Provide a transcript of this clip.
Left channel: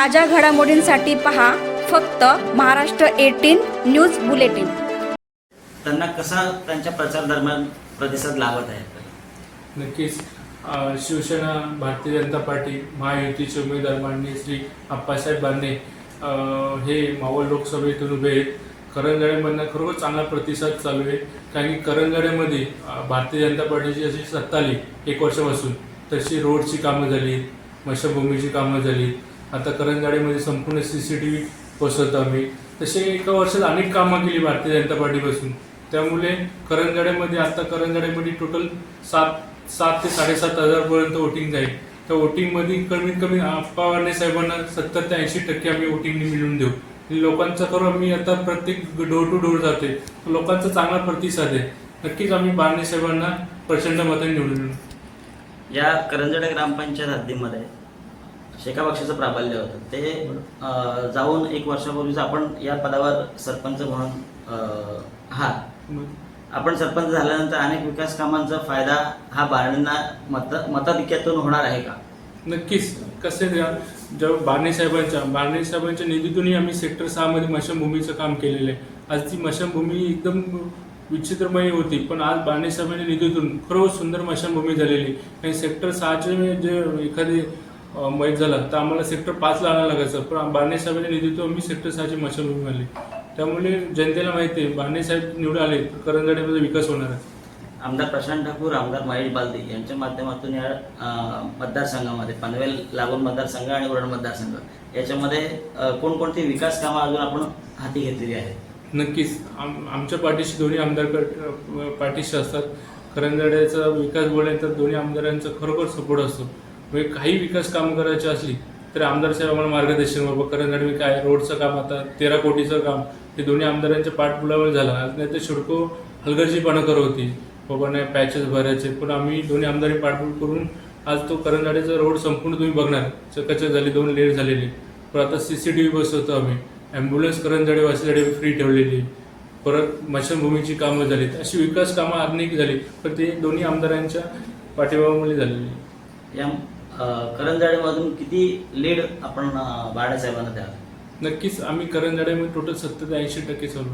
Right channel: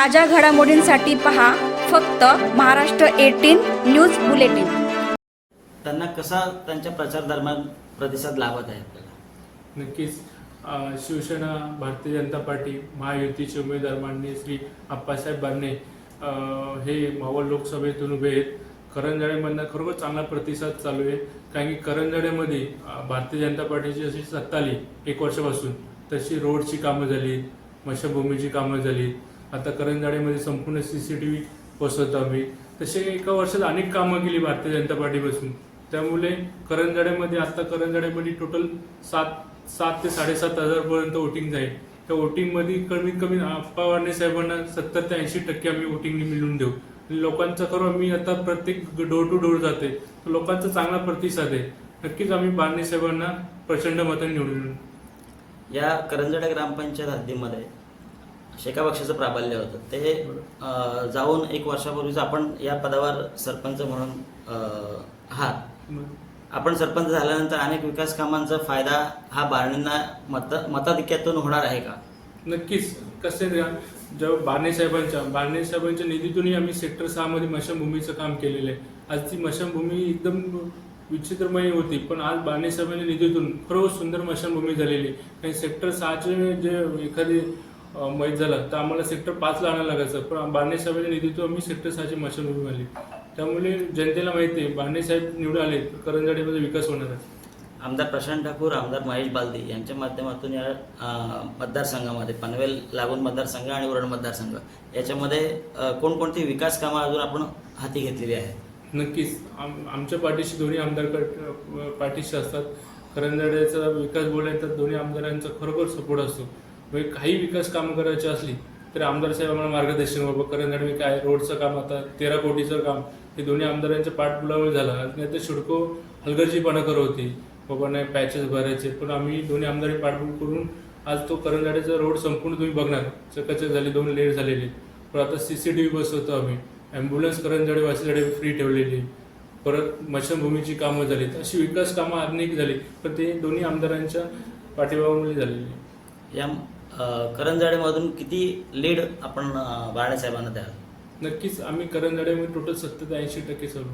ताज्या घडामोडींसाठी पहा फक्त महाराष्ट्र एटीन न्यूज बुलेटिन. त्यांना कसा त्यांच्या प्रचार दरम्यान प्रतिसाद लावत आहे? नक्कीच. शिवसेना भारतीय जनता पार्टी महायुतीचे उमेदवार माननीय श्री आप्पासाहेब बांधे अ, हे मावळ लोकसभेतून उभे आहेत. करंजड्यामधनं खरोखर चांगला प्रतिसाद चालू आहे. कारण की करंजड्यामध्ये भारतीय जनता पार्टीची अशी सत्ता आली एक वर्षापासून. तशी रोडची कामं झाली मशभूमीची कामं झाली. आता करंजड्यामध्ये संपूर्ण सी सी टी व्ही बसवतो आम्ही. तसे एका वर्षात अनेक कामं केली भारतीय जनता पार्टीपासून. त्यामुळे करंजाड्यामध्ये आता करंजड्यामध्ये टोटल सात सात ते साडेसात हजारपर्यंत वोटिंग जाईल. त्या वोटिंगमध्ये कमीत कमी आप्पा साहेबांना सत्तर ते ऐंशी टक्के आम्ही वोटिंगने मिळवून देऊ. लोकांचं लोकांचा करून आम्ही आता प्रत्येक डोर टू डोर जाते. लोकांचा चांगला प्रतिसाद आहे. नक्कीच आम्ही बारणे साहेबांना प्रचंड मतांनी निवडून या करंजडे ग्रामपंचायत हद्दीमध्ये शेखा पक्षाचं प्राबल्य होतं. ते जाऊन एक वर्षापूर्वीच आपण या पदावर सरपंच म्हणून हा आहात. आपण सरपंच झाल्यानंतर अनेक विकास कामांचा फायदा हा बारणींना मत मताधिक्यातून होणार आहे का? नक्कीच. कसे द्या जेव्हा बारणे साहेबांच्या बारणे साहेबांच्या निधीतूनही आम्ही सेक्टर सहामध्ये मशाभूमीचं काम केलेलं आहे. आज ती मशाभूमी एकदम विचित्रमयी होती पण आज बारणे साहेबांच्या निधीतून खरोखर सुंदर मशाभूमी झालेली आणि सेक्टर सहाचे जे एखादे मैत झाला. तर आम्हाला सेक्टर पाचला आणायला लागायचं. पण बाणे साहेबांच्या निधीतून आम्ही सेक्टर सहाची मशाभूमी आली त्यामुळे जनतेला माहिती आहे बाणे साहेब निवडून आले करंजड्यामध्ये विकास होणार आहे. आमदार प्रशांत ठाकूर आमदार महेश बालदी यांच्या माध्यमातून या मतदारसंघामध्ये पनवेल लागून मतदारसंघ आणि उरण मतदारसंघ याच्यामध्ये कोणकोणती विकास कामं अजून आपण हाती घेतलेली आहेत? नक्कीच. आम आमच्या पाठीशी दोन्ही आमदार पाठीशी असतात. करंजड्याचा विकास बोलायला तर दोन्ही आमदारांचा खरोखर सपोर्ट असतो. म्हणजे काही विकास कामं करायची असली तर आमदार साहेब आम्हाला मार्गदर्शन बाबा करंजड काय रोडचं काम आता तेरा कोटीचं काम हे दोन्ही आमदारांच्या पाठपुलावर झालं. नाही तर शिडको हलगर्जीपणा करत होती. बाबा नाही पॅचेस भरायचे पण आम्ही दोन्ही आमदारी पाठपुल करून आज तो करंगाड्याचा रोड संपूर्ण तुम्ही बघणार. चकाचक झाली दोन लेट झालेली. पण आता सी सी टी व्ही बसवतो आम्ही. ॲम्ब्युलन्स करंजाडे वासीजाडे फ्री ठेवलेली. परत मशनभूमीची कामं झालीत. अशी विकास कामं अनेक झाली. पण ते दोन्ही आमदारांच्या पाठिंबामुळे झालेली. या करंजाडेमधून किती लीड आपण बाळासाहेबांना द्याल? नक्कीच. आम्ही करंजड्यामध्ये टोटल सत्तर ऐंशी टक्के चालू